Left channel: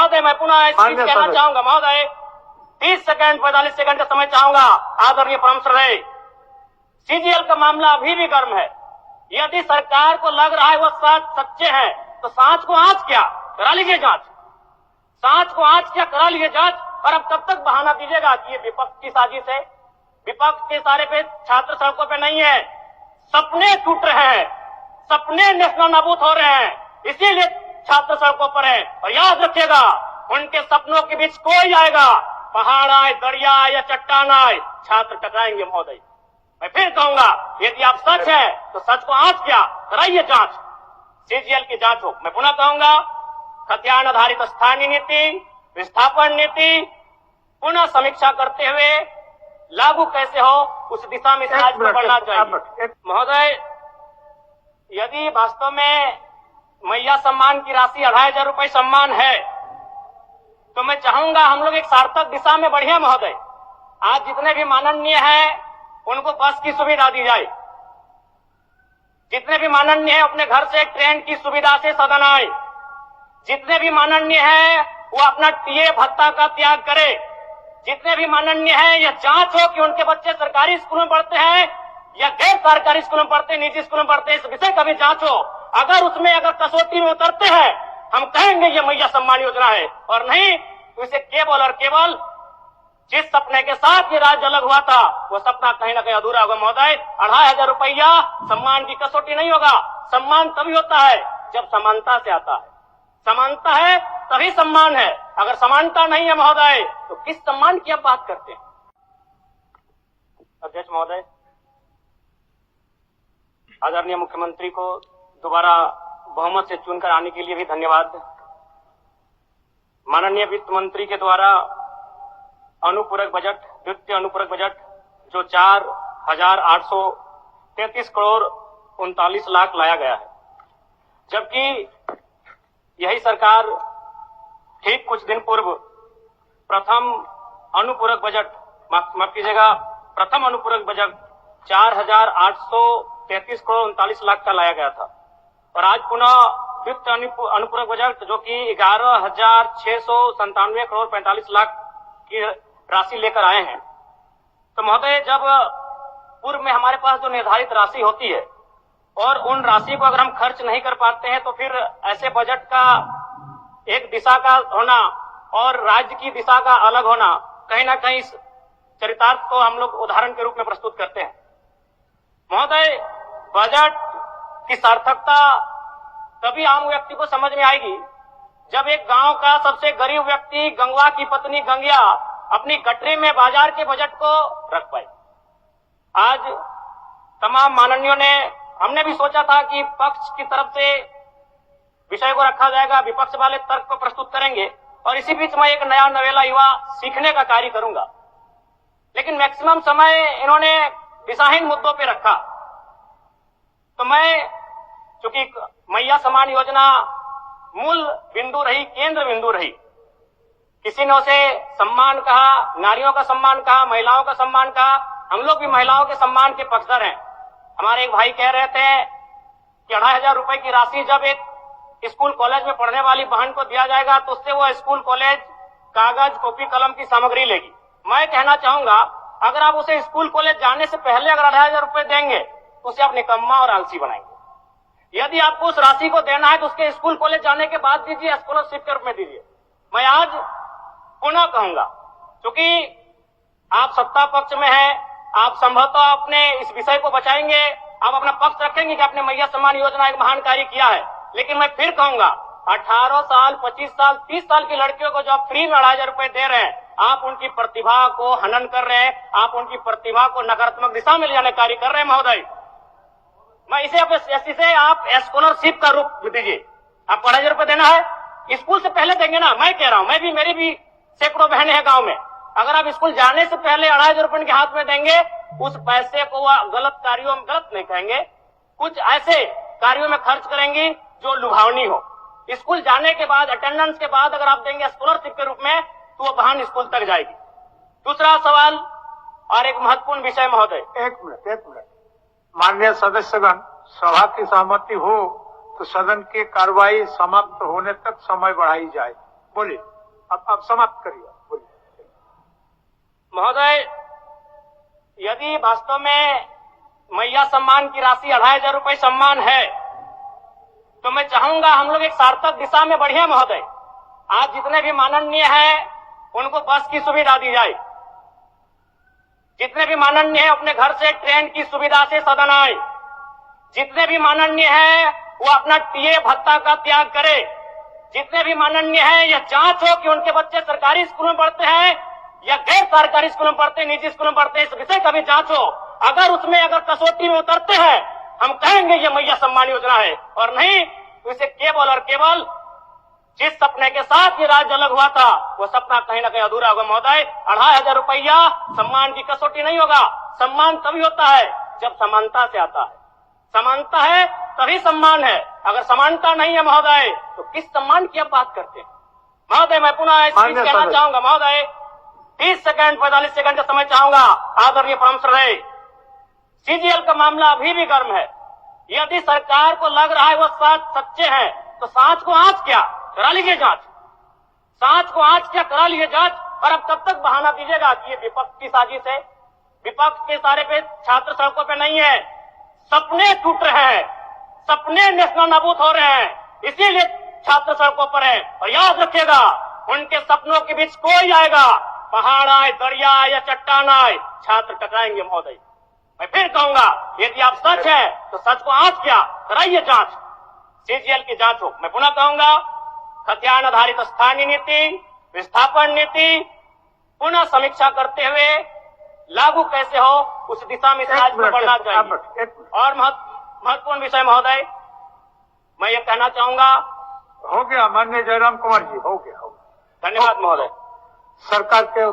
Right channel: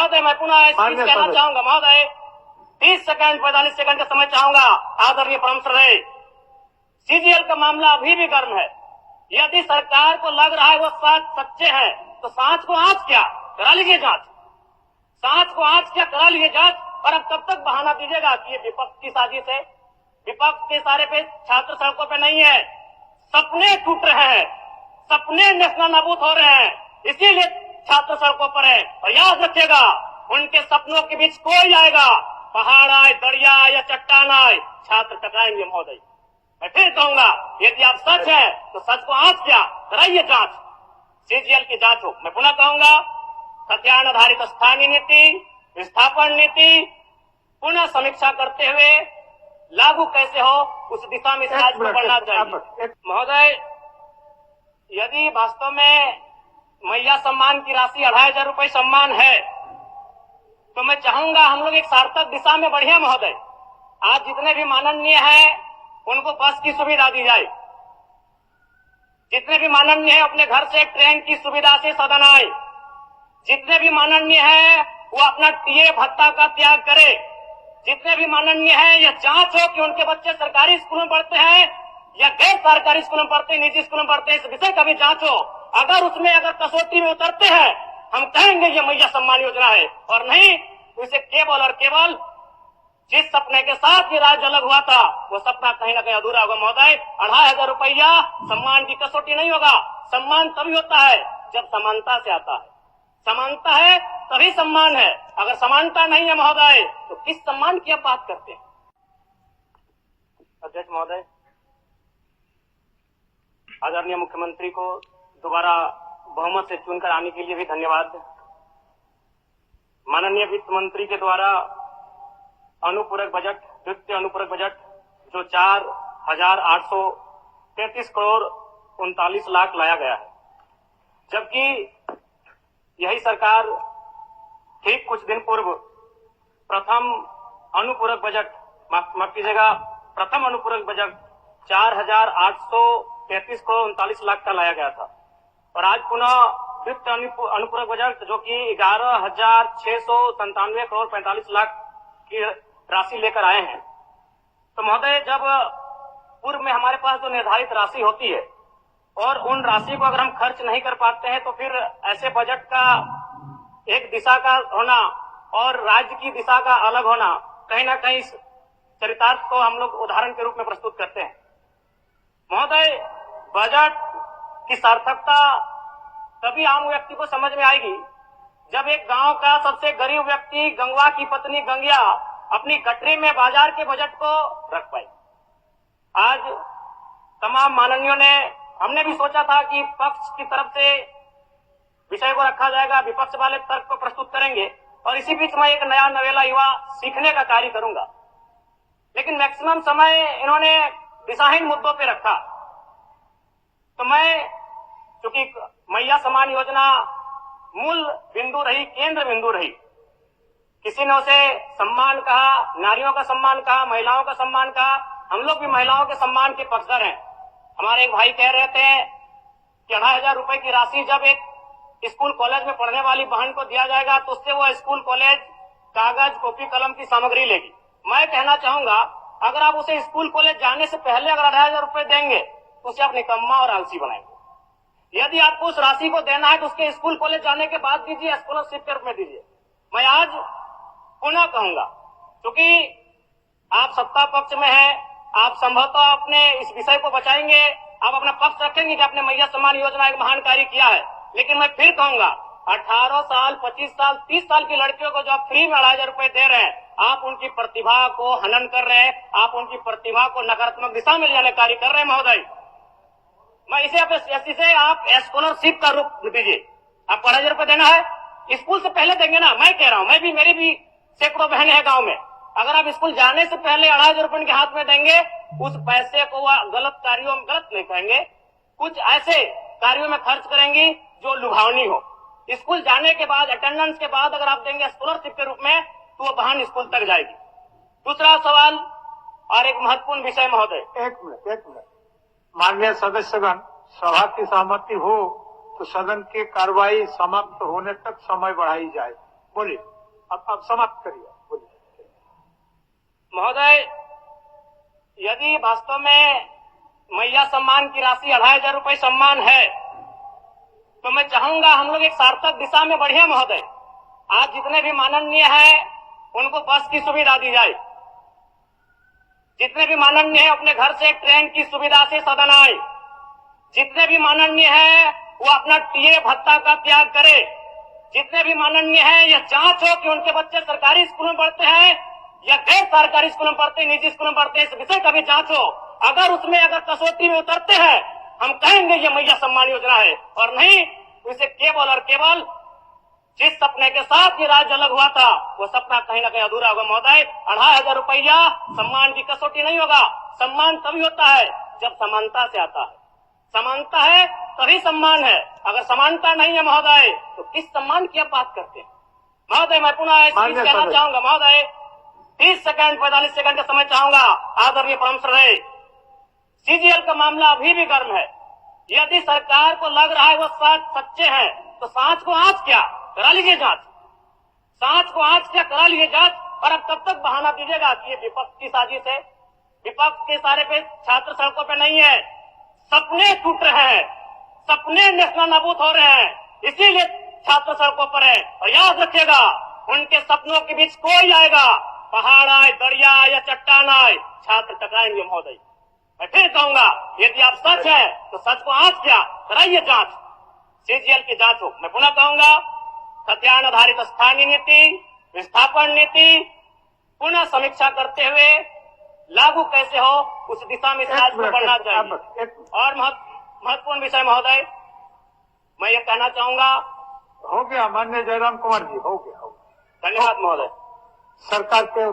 महोदय मैं पुनः इस चीज कहना चाहूंगा महोदय, 30 सेकंड 45 सेकंड का समय चाहूंगा। आदरणीय परम श्रद्धेय, सीजीएल का मामला अभी भी गर्म है। यदि सरकार को लग रहा है वो सच्चे हैं तो सांच को आंच क्या करा लीजिए जांच, सांच को आंच क्या करा लीजिए जांच। और अब कब तक बहाना दीजिएगा कि ये विपक्ष की साजिश है? विपक्ष के सारे पे छात्र सड़कों पे नहीं है, सपने टूट रहे हैं, सपने नेशनल नाबूद हो रहे हैं, इसीलिए छात्र सड़कों पर है। और याद रखिएगा, उनके सपनों के बीच कोई आएगा, पहाड़ आए, दरिया आए या चट्टान आए, छात्र टकराएंगे महोदय। मैं फिर कहूंगा, यदि आप सच है तो सच को आंच क्या कराइए जांच, सीजीएल की जांच हो। मैं पुनः कहूंगा, खतियान आधारित स्थानीय नीति, विस्थापन नीति पुनः समीक्षा करते हुए लागू कैसे हो, उस दिशा में राज्य को बढ़ना चाहिए। महोदय, यदि वास्तव में मैया सम्मान की राशि 2500 रुपए सम्मान है तो मैं चाहूंगा हम लोग एक सार्थक दिशा में बढ़िया महोदय। आज जितने भी माननीय हैं उनको बस की सुविधा दी जाए, जितने भी माननीय हैं अपने घर से ट्रेन की सुविधा से सदन आए, जितने भी माननीय हैं वो अपना टीए भत्ता का त्याग करे, जितने भी माननीय हैं यह जांच हो कि उनके बच्चे सरकारी स्कूलों में पढ़ते हैं या गैर सरकारी स्कूलों में पढ़ते हैं, निजी स्कूलों में पढ़ते हैं, इस विषय का भी जांच हो। अगर उसमें अगर कसौटी में उतरते हैं हम कहेंगे ये मैया सम्मान योजना है, और नहीं तो इसे केवल और केवल जिस सपने के साथ ये राज्य अलग हुआ था वो सपना कहीं ना कहीं अधूरा होगा महोदय। 2500 रुपया सम्मान की कसौटी नहीं होगा। सम्मान तभी होता है जब समानता से आता है, समानता है तभी सम्मान है। अगर समानता नहीं है महोदय तो किस सम्मान की आप बात करते हैं? अध्यक्ष महोदय, आदरणीय मुख्यमंत्री को दोबारा बहुमत से चुनकर आने के लिए भी धन्यवाद। माननीय वित्त मंत्री के द्वारा अनुपूरक बजट, द्वितीय अनुपूरक बजट जो 4,833 करोड़ 39 लाख लाया गया है, जबकि यही सरकार ठीक कुछ दिन पूर्व प्रथम अनुपूरक बजट, माफ कीजिएगा, प्रथम अनुपूरक बजट 4,833 करोड़ 39 लाख का लाया गया था। और आज पुनः द्वितीय अनुपूरक बजट जो कि 11,697 करोड़ 45 लाख की राशि लेकर आए हैं। तो महोदय, जब पूर्व में हमारे पास जो निर्धारित राशि होती है और उन राशि को अगर हम खर्च नहीं कर पाते हैं तो फिर ऐसे बजट का एक दिशा का होना और राज्य की दिशा का अलग होना, कहीं ना कहीं इस चरितार्थ को हम लोग उदाहरण के रूप में प्रस्तुत करते हैं। महोदय, बजट की सार्थकता तभी आम व्यक्ति को समझ में आएगी जब एक गांव का सबसे गरीब व्यक्ति, गंगवा की पत्नी गंगिया, अपनी गठरी में बाजार के बजट को रख पाए। आज तमाम माननीयों ने, हमने भी सोचा था कि पक्ष की तरफ से विषय को रखा जाएगा, विपक्ष वाले तर्क को प्रस्तुत करेंगे और इसी बीच मैं एक नया नवेला युवा सीखने का कार्य करूंगा। लेकिन मैक्सिमम समय इन्होंने दिशाहीन मुद्दों पे रखा। तो मैं, चूंकि मैया सम्मान योजना मूल बिंदु रही, केंद्र बिंदु रही, किसी ने उसे सम्मान कहा, नारियों का सम्मान कहा, महिलाओं का सम्मान कहा, हम लोग भी महिलाओं के सम्मान के पक्षधर हैं। हमारे एक भाई कह रहे थे कि 2500 रुपए की राशि जब एक स्कूल कॉलेज में पढ़ने वाली बहन को दिया जाएगा तो उससे वो स्कूल कॉलेज कागज, कॉपी, कलम की सामग्री लेगी। मैं कहना चाहूंगा, अगर आप उसे स्कूल कॉलेज जाने से पहले अगर 2500 रुपए देंगे तो उसे आप निकम्मा और आलसी बनाएंगे। यदि आपको उस राशि को देना है तो उसके स्कूल कॉलेज जाने के बाद दीजिए, स्कॉलरशिप के रूप में दीजिए। मैं आज पुनः कहूंगा, क्योंकि आप सत्ता पक्ष में हैं, आप संभवतः अपने इस विषय को बचाएंगे, आप अपना पक्ष रखेंगे कि आपने मैया सम्मान योजना एक महान कार्य किया है। लेकिन मैं फिर कहूंगा, 18 साल, 25 साल, 30 साल की लड़कियों को जो आप फ्री में 2500 रुपए दे रहे हैं, आप उनकी प्रतिभा को हनन कर रहे हैं, आप उनकी प्रतिभा को नकारात्मक दिशा में ले जाने कार्य कर रहे हैं महोदय। मैं इसे आप स्कॉलरशिप का रूप दीजिए। आपको 2500 रुपए देना है, स्कूल से पहले देंगे ना। मैं कह रहा हूं, मैं भी, मेरी भी सैकड़ों बहनें हैं गांव में, अगर आप स्कूल जाने से पहले 2500 रुपए उनके हाथ में देंगे, उस पैसे को वह गलत कार्यों में, गलत नहीं कहेंगे, कुछ ऐसे कार्यों में खर्च करेंगी जो लुभावनी हो। स्कूल जाने के बाद, अटेंडेंस के बाद अगर आप देंगे स्कॉलरशिप के रूप में तो वो बहन स्कूल तक जाएगी। दूसरा सवाल और एक महत्वपूर्ण विषय महोदय। एक मिनट माननीय सदस्यगण, सभा की सहमति हो तो सदन की कार्रवाई समाप्त होने तक समय बढ़ाई जाए। बोलिए, अब समाप्त करिए, बोलिए। महोदय, यदि वास्तव में मैया सम्मान की राशि 2,500 रुपये सम्मान है, तो मैं चाहूंगा हम लोग एक सार्थक दिशा में बढ़िया महोदय। आज जितने भी माननीय हैं उनको बस की सुविधा दी जाए, जितने भी माननीय हैं अपने घर से ट्रेन की सुविधा से सदन आए, जितने भी माननीय हैं वो अपना टीए भत्ता का त्याग करे, जितने भी माननीय हैं यह जांच हो कि उनके बच्चे सरकारी स्कूलों में पढ़ते हैं या गैर सरकारी स्कूलों में पढ़ते हैं, निजी स्कूलों में पढ़ते हैं, इस विषय का भी जांच हो। अगर उसमें अगर कसौटी में उतरते हैं, हम कहेंगे ये मैया सम्मान योजना है, और नहीं तो इसे केवल और केवल जिस सपने के साथ ये राज्य अलग हुआ था वो सपना कहीं ना कहीं अधूरा होगा महोदय। 2,500 रुपया सम्मान की कसौटी नहीं होगा। सम्मान तभी होता है जब समानता से आता है, समानता है तभी सम्मान है। अगर समानता नहीं है महोदय तो किस सम्मान की आप बात करते हैं महोदय? मैं पुनः इस चीज कहना चाहूंगा महोदय, 30 सेकंड 45 सेकंड का समय चाहूंगा। आदरणीय परम श्रद्धेय, सीजीएल का मामला अभी भी गर्म है। यदि सरकार को लग रहा है वो सच्चे हैं तो सांच को आंच क्या करा लीजिए जांच, सांच को आंच क्या करा लीजिए जांच। और अब कब तक बहाना दीजिएगा कि ये विपक्ष की साजिश है? विपक्ष के सारे पे छात्र सड़कों पे नहीं है, सपने टूट रहे हैं, सपने नेशनल नाबूद हो रहे हैं, इसीलिए छात्र सड़कों पर है। और याद रखिएगा, उनके सपनों के बीच कोई आएगा, पहाड़ आए, दरिया आए या चट्टान आए, छात्र टकराएंगे महोदय। मैं फिर कहूंगा, यदि आप सच है तो सच को आंच क्या कराइए जांच, सीजीएल की जांच हो। मैं पुनः कहूंगा, खतियान आधारित स्थानीय नीति, विस्थापन नीति पुनः समीक्षा करते हुए लागू कैसे हो उस दिशा में राज्य को बढ़ना चाहिए। और महत्वपूर्ण विषय महोदय, मैं ये कहना चाहूंगा, हो गया माननीय जयराम कुमार जी, हो गया। धन्यवाद महोदय। सरकार के